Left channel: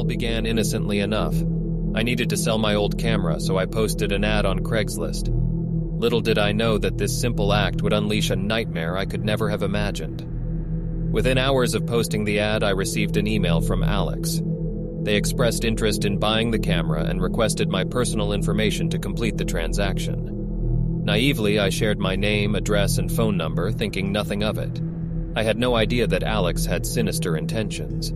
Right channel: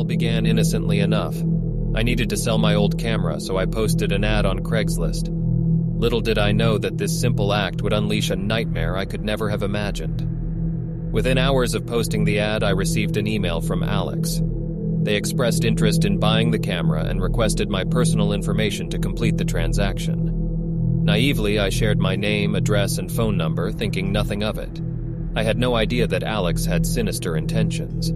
all began innocently enough. I needed to sell my old camera, so I posted an ad on Craigslist. Little did I know that this simple act would unleash a nightmare I could never have imagined. Within hours of posting the ad, I received an email from Alex. They expressed interest in buying the camera and requested my personal information to complete the transaction. Naively, I shared my name, address, and phone number, thinking nothing of it. I had no idea that Alex had sinister intentions.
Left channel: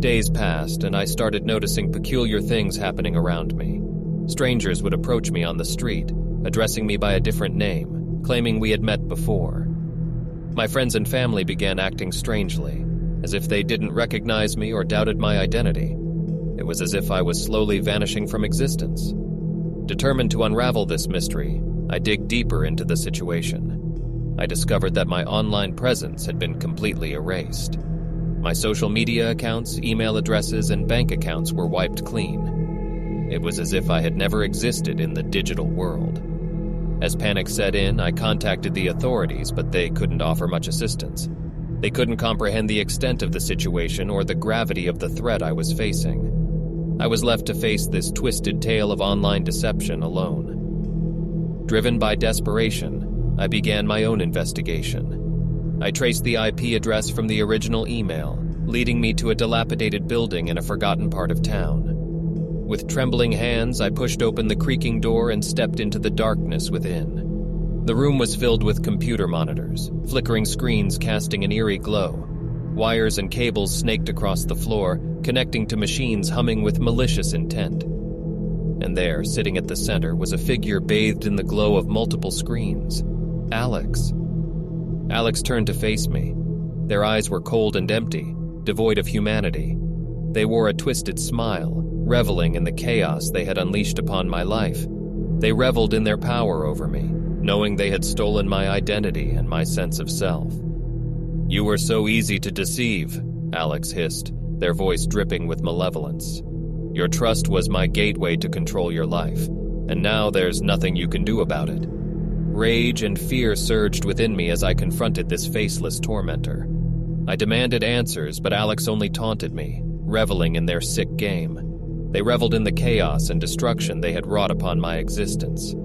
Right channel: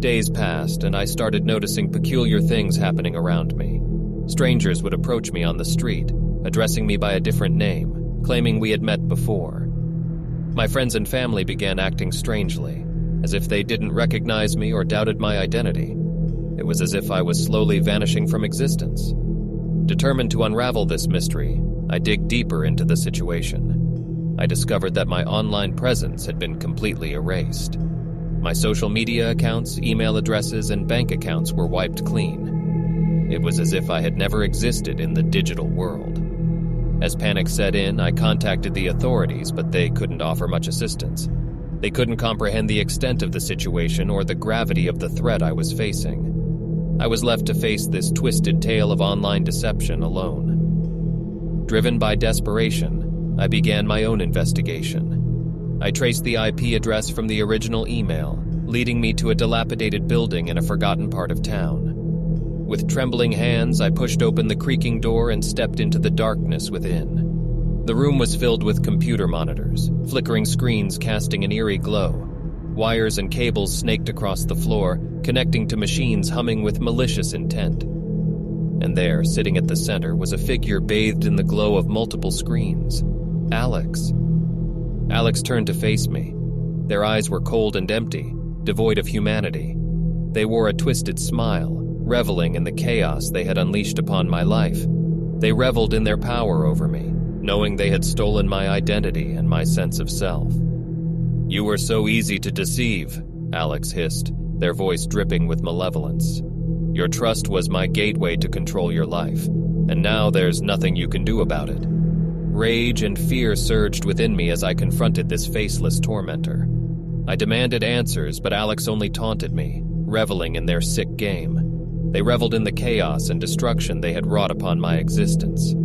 Days passed, and I started noticing peculiar things happening around me. Strangers would approach me on the street, addressing me by a different name, claiming we had met before. My friends and family began acting strangely, as if they didn't recognize me or doubted my identity. It was as if I was slowly vanishing from existence. Determined to unravel this mystery, I dig deeper into the situation. I discovered that my online presence had been completely erased. My social media accounts, email addresses, and bank accounts were wiped clean. It was as if I had never existed in the digital world. As panic set in, I contacted the authorities, but they couldn't offer much assistance. They couldn't comprehend the extent of the situation or the gravity of the threat I was facing. I was left to face this twisted tale of online deception alone. Driven by desperation, I began my own investigation. I traced the IP address from the original email, leading me to a dilapidated building in a forgotten part of town. With trembling hands, I pushed open the creaking door and stepped into the darkness within. The room was filled with computer monitors, flickering screens casting an eerie glow. Wires and cables snaked across the floor, connecting to machines humming with malicious intent. And there, sitting at the center, was a figure bathed in the glow of multiple screens. Alex. Alex turned to face me. Their eyes were cold and empty, devoid of humanity. They wore a twisted smile, reveling in the chaos they had unleashed upon my life. They reveled in their power over me, knowing they had stolen my identity and my sense of self. "You were so easy to deceive," Alex hissed, their voice dripping with malevolence. "Your trust was my gateway to control your life, and now there's nothing you can do about it." Rage and fear surged within me as I confronted this faceless tormentor. I demanded answers, but Alex only taunted me, reveling in their sick game. They reveled in the chaos and destruction they had wrought upon my existence.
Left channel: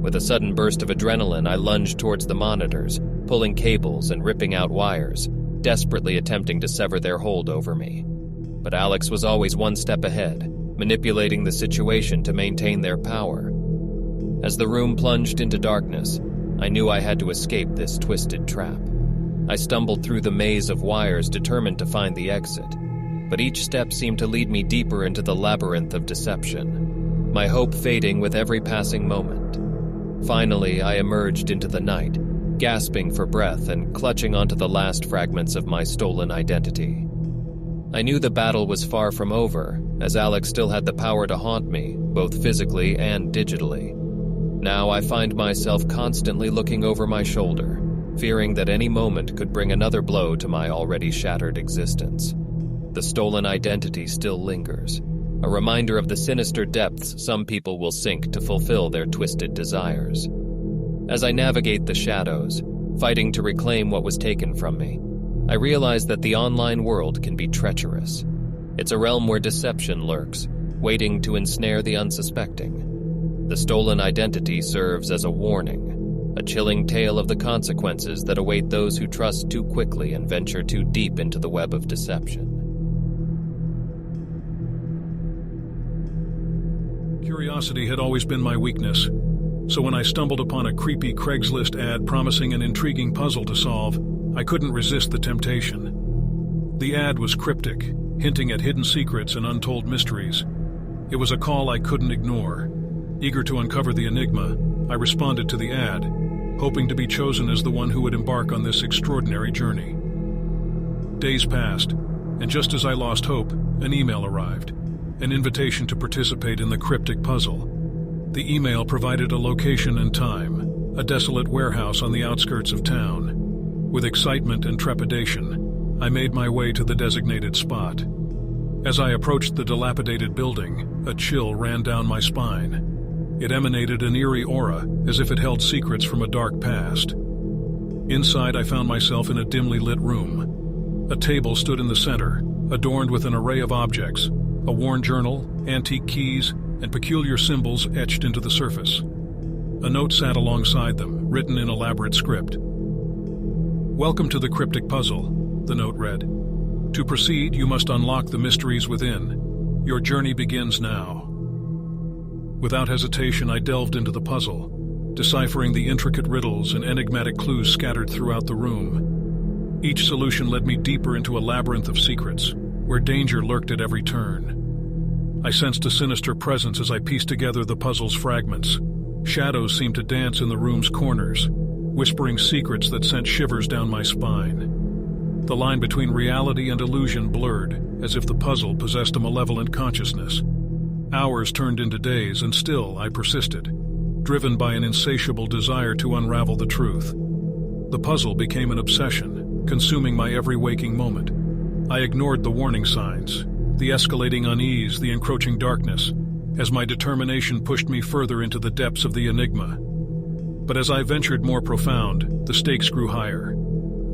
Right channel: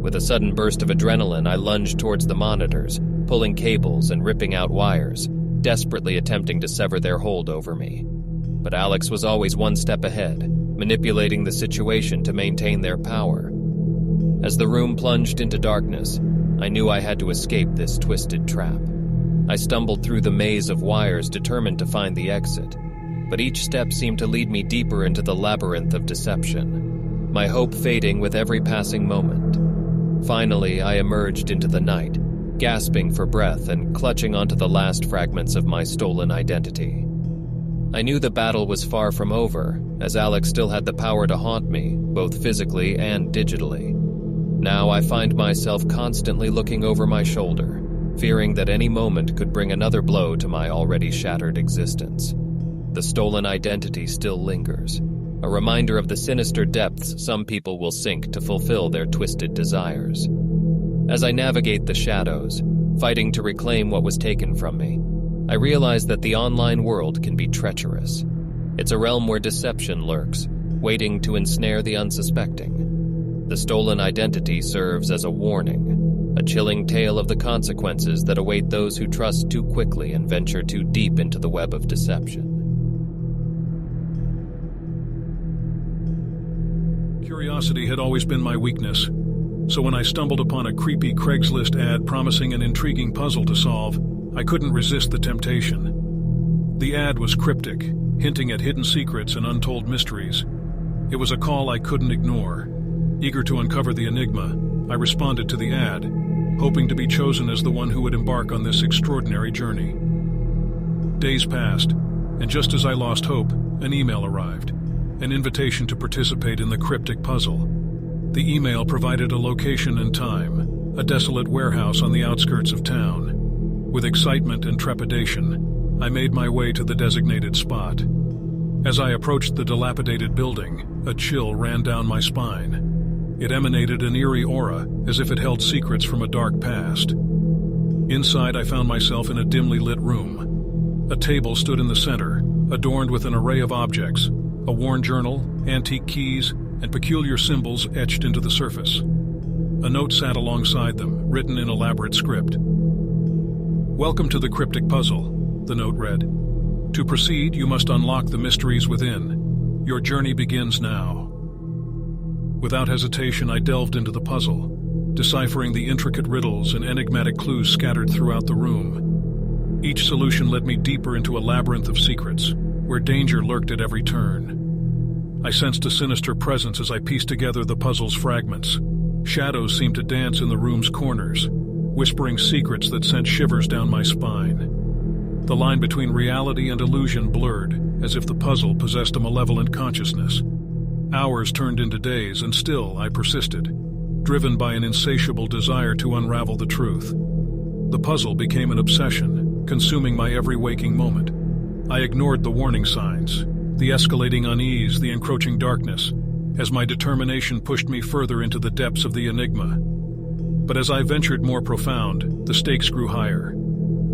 With a sudden burst of adrenaline, I lunged towards the monitors, pulling cables and ripping out wires, desperately attempting to sever their hold over me. But Alex was always one step ahead, manipulating the situation to maintain their power. As the room plunged into darkness, I knew I had to escape this twisted trap. I stumbled through the maze of wires, determined to find the exit. But each step seemed to lead me deeper into the labyrinth of deception, my hope fading with every passing moment. Finally, I emerged into the night, gasping for breath and clutching onto the last fragments of my stolen identity. I knew the battle was far from over, as Alex still had the power to haunt me, both physically and digitally. Now I find myself constantly looking over my shoulder, fearing that any moment could bring another blow to my already shattered existence. The stolen identity still lingers, a reminder of the sinister depths some people will sink to fulfill their twisted desires. As I navigate the shadows, fighting to reclaim what was taken from me, I realize that the online world can be treacherous. It's a realm where deception lurks, waiting to ensnare the unsuspecting. The stolen identity serves as a warning, a chilling tale of the consequences that await those who trust too quickly and venture too deep into the web of deception. Curiosity had always been my weakness, so when I stumbled upon a creepy Craigslist ad promising an intriguing puzzle to solve, I couldn't resist the temptation. The ad was cryptic, hinting at hidden secrets and untold mysteries. It was a call I couldn't ignore. Eager to uncover the enigma, I responded to the ad, hoping to be chosen as the one who would embark on this extraordinary journey. Days passed, and just as I lost hope, an email arrived, an invitation to participate in the cryptic puzzle. The email provided a location and time, a desolate warehouse on the outskirts of town. With excitement and trepidation, I made my way to the designated spot. As I approached the dilapidated building, a chill ran down my spine. It emanated an eerie aura, as if it held secrets from a dark past. Inside, I found myself in a dimly lit room. A table stood in the center, adorned with an array of objects, a worn journal, antique keys, and peculiar symbols etched into the surface. A note sat alongside them, written in elaborate script. "Welcome to the cryptic puzzle," the note read. "To proceed, you must unlock the mysteries within. Your journey begins now." Without hesitation, I delved into the puzzle, deciphering the intricate riddles and enigmatic clues scattered throughout the room. Each solution led me deeper into a labyrinth of secrets, where danger lurked at every turn. I sensed a sinister presence as I pieced together the puzzle's fragments. Shadows seemed to dance in the room's corners, whispering secrets that sent shivers down my spine. The line between reality and illusion blurred, as if the puzzle possessed a malevolent consciousness. Hours turned into days, and still I persisted, driven by an insatiable desire to unravel the truth. The puzzle became an obsession, consuming my every waking moment. I ignored the warning signs, the escalating unease, the encroaching darkness, as my determination pushed me further into the depths of the enigma. But as I ventured more profound, the stakes grew higher.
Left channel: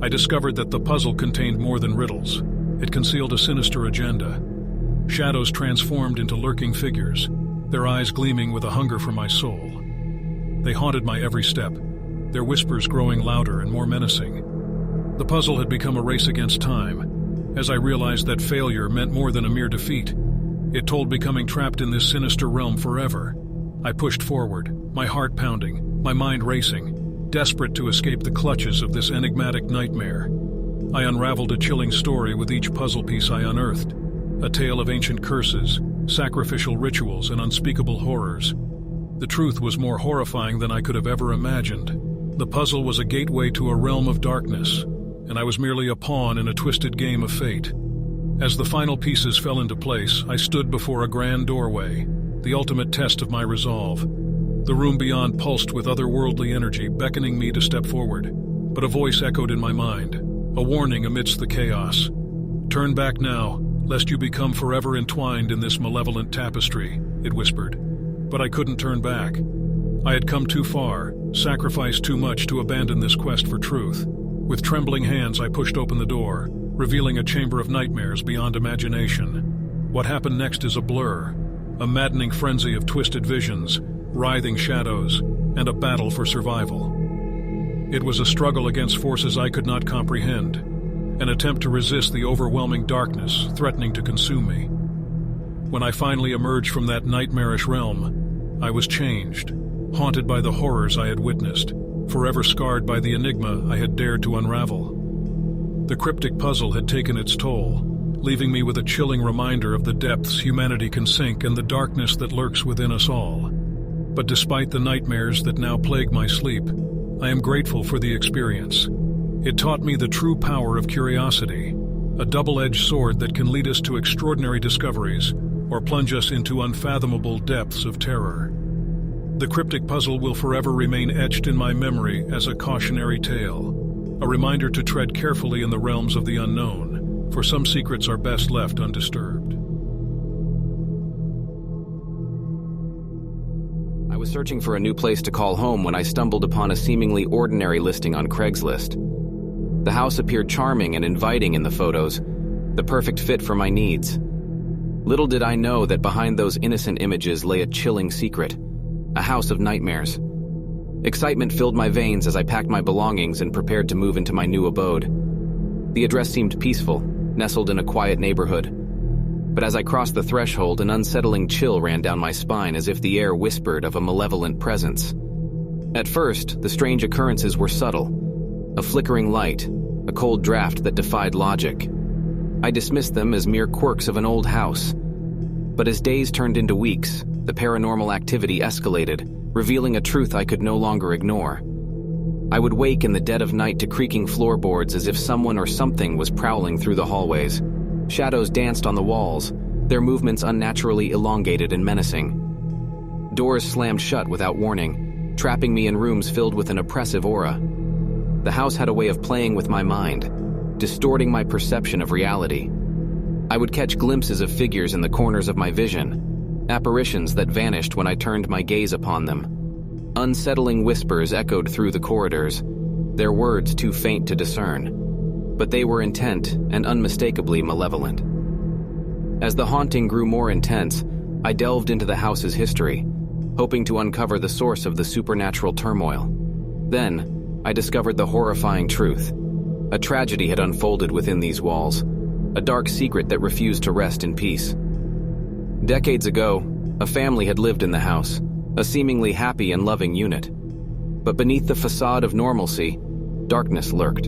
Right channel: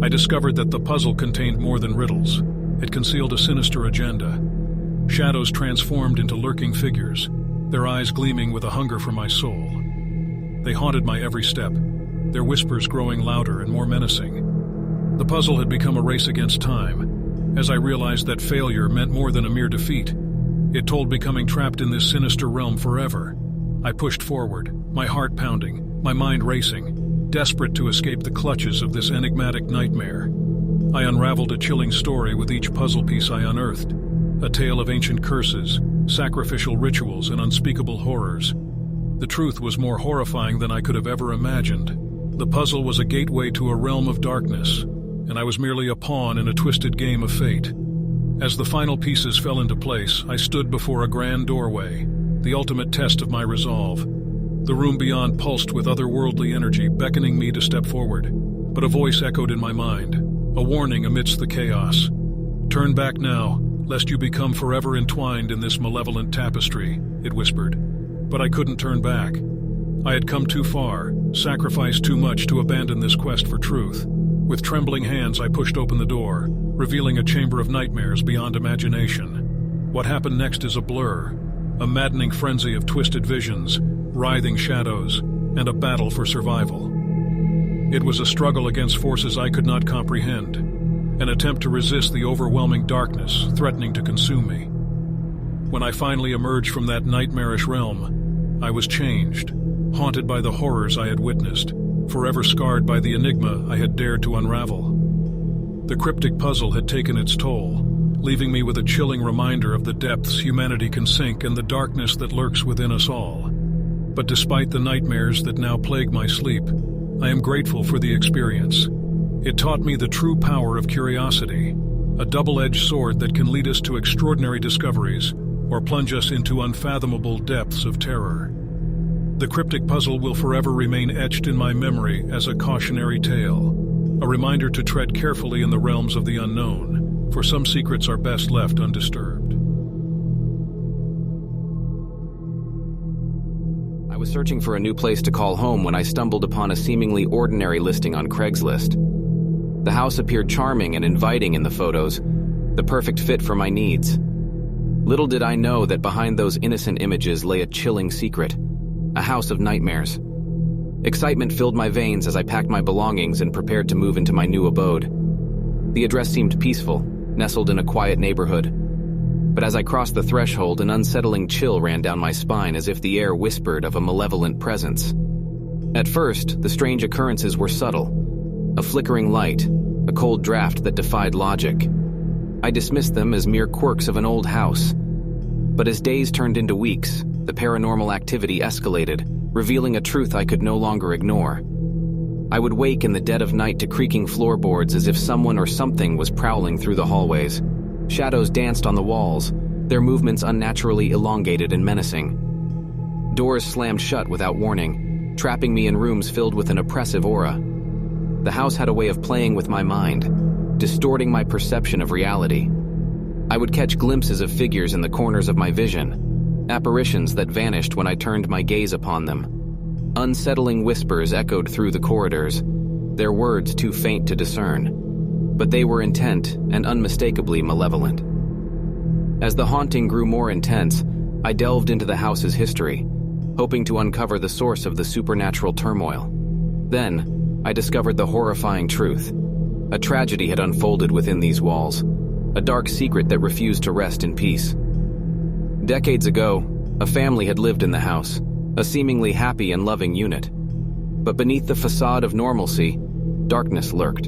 I discovered that the puzzle contained more than riddles. It concealed a sinister agenda. Shadows transformed into lurking figures, their eyes gleaming with a hunger for my soul. They haunted my every step, their whispers growing louder and more menacing. The puzzle had become a race against time, as I realized that failure meant more than a mere defeat. It told becoming trapped in this sinister realm forever. I pushed forward, my heart pounding, my mind racing, desperate to escape the clutches of this enigmatic nightmare. I unraveled a chilling story with each puzzle piece I unearthed, a tale of ancient curses, sacrificial rituals, and unspeakable horrors. The truth was more horrifying than I could have ever imagined. The puzzle was a gateway to a realm of darkness, and I was merely a pawn in a twisted game of fate. As the final pieces fell into place, I stood before a grand doorway, the ultimate test of my resolve. The room beyond pulsed with otherworldly energy, beckoning me to step forward. But a voice echoed in my mind, a warning amidst the chaos. "Turn back now, lest you become forever entwined in this malevolent tapestry," it whispered. But I couldn't turn back. I had come too far, sacrificed too much to abandon this quest for truth. With trembling hands, I pushed open the door, revealing a chamber of nightmares beyond imagination. What happened next is a blur, a maddening frenzy of twisted visions, writhing shadows, and a battle for survival. It was a struggle against forces I could not comprehend, an attempt to resist the overwhelming darkness threatening to consume me. When I finally emerged from that nightmarish realm, I was changed, haunted by the horrors I had witnessed, forever scarred by the enigma I had dared to unravel. The cryptic puzzle had taken its toll, leaving me with a chilling reminder of the depths humanity can sink and the darkness that lurks within us all. But despite the nightmares that now plague my sleep, I am grateful for the experience. It taught me the true power of curiosity, a double-edged sword that can lead us to extraordinary discoveries or plunge us into unfathomable depths of terror. The cryptic puzzle will forever remain etched in my memory as a cautionary tale, a reminder to tread carefully in the realms of the unknown, for some secrets are best left undisturbed. I was searching for a new place to call home when I stumbled upon a seemingly ordinary listing on Craigslist. The house appeared charming and inviting in the photos, the perfect fit for my needs. Little did I know that behind those innocent images lay a chilling secret, a house of nightmares. Excitement filled my veins as I packed my belongings and prepared to move into my new abode. The address seemed peaceful, nestled in a quiet neighborhood. But as I crossed the threshold, an unsettling chill ran down my spine as if the air whispered of a malevolent presence. At first, the strange occurrences were subtle. A flickering light, a cold draft that defied logic. I dismissed them as mere quirks of an old house. But as days turned into weeks, the paranormal activity escalated, revealing a truth I could no longer ignore. I would wake in the dead of night to creaking floorboards as if someone or something was prowling through the hallways. Shadows danced on the walls, their movements unnaturally elongated and menacing. Doors slammed shut without warning, trapping me in rooms filled with an oppressive aura. The house had a way of playing with my mind, distorting my perception of reality. I would catch glimpses of figures in the corners of my vision, apparitions that vanished when I turned my gaze upon them. Unsettling whispers echoed through the corridors, their words too faint to discern, but they were intent and unmistakably malevolent. As the haunting grew more intense, I delved into the house's history, hoping to uncover the source of the supernatural turmoil. Then, I discovered the horrifying truth. A tragedy had unfolded within these walls, a dark secret that refused to rest in peace. Decades ago, a family had lived in the house, a seemingly happy and loving unit. But beneath the facade of normalcy, darkness lurked.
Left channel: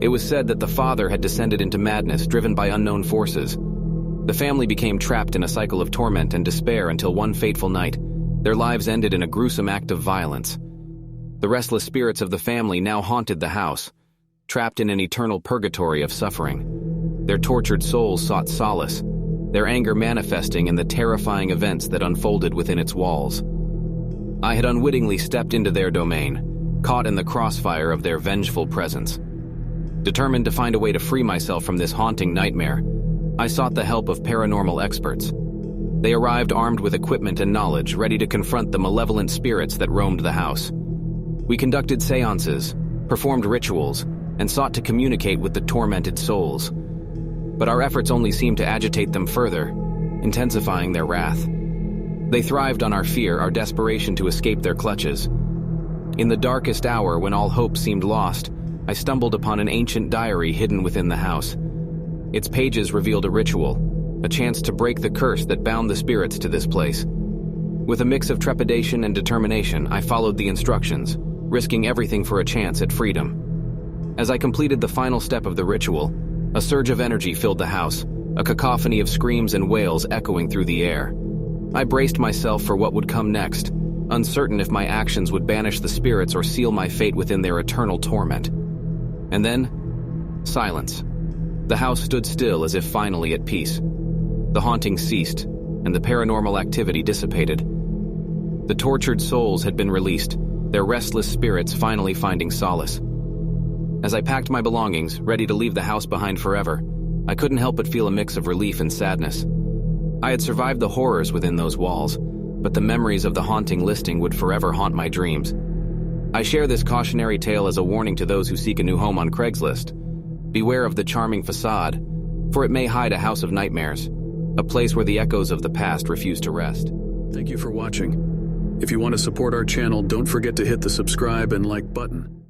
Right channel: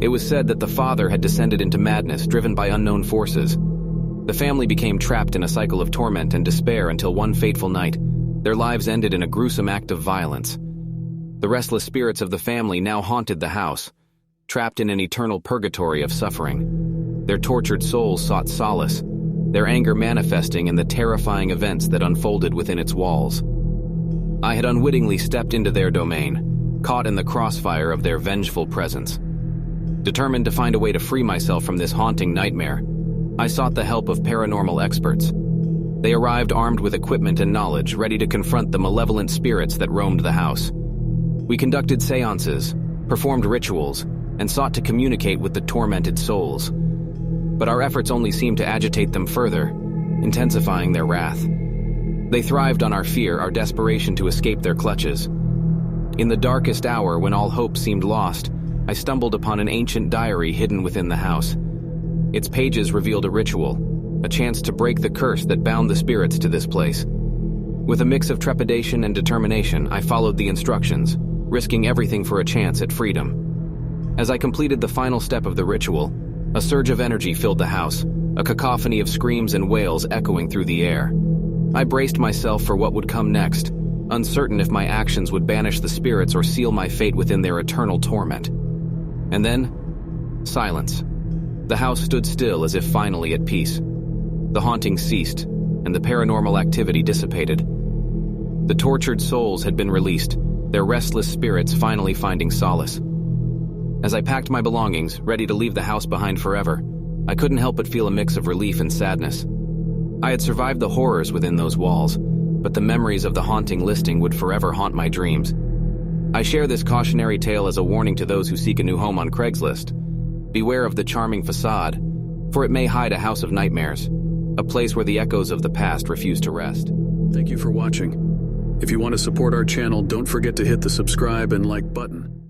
It was said that the father had descended into madness driven by unknown forces. The family became trapped in a cycle of torment and despair until one fateful night, their lives ended in a gruesome act of violence. The restless spirits of the family now haunted the house, trapped in an eternal purgatory of suffering. Their tortured souls sought solace, their anger manifesting in the terrifying events that unfolded within its walls. I had unwittingly stepped into their domain, caught in the crossfire of their vengeful presence. Determined to find a way to free myself from this haunting nightmare, I sought the help of paranormal experts. They arrived armed with equipment and knowledge, ready to confront the malevolent spirits that roamed the house. We conducted seances, performed rituals, and sought to communicate with the tormented souls. But our efforts only seemed to agitate them further, intensifying their wrath. They thrived on our fear, our desperation to escape their clutches. In the darkest hour, when all hope seemed lost, I stumbled upon an ancient diary hidden within the house. Its pages revealed a ritual, a chance to break the curse that bound the spirits to this place. With a mix of trepidation and determination, I followed the instructions, risking everything for a chance at freedom. As I completed the final step of the ritual, a surge of energy filled the house, a cacophony of screams and wails echoing through the air. I braced myself for what would come next, uncertain if my actions would banish the spirits or seal my fate within their eternal torment. And then, silence. The house stood still as if finally at peace. The haunting ceased, and the paranormal activity dissipated. The tortured souls had been released, their restless spirits finally finding solace. As I packed my belongings, ready to leave the house behind forever, I couldn't help but feel a mix of relief and sadness. I had survived the horrors within those walls, but the memories of the haunting listing would forever haunt my dreams. I share this cautionary tale as a warning to those who seek a new home on Craigslist. Beware of the charming facade, for it may hide a house of nightmares, a place where the echoes of the past refuse to rest. Thank you for watching. If you want to support our channel, don't forget to hit the subscribe and like button.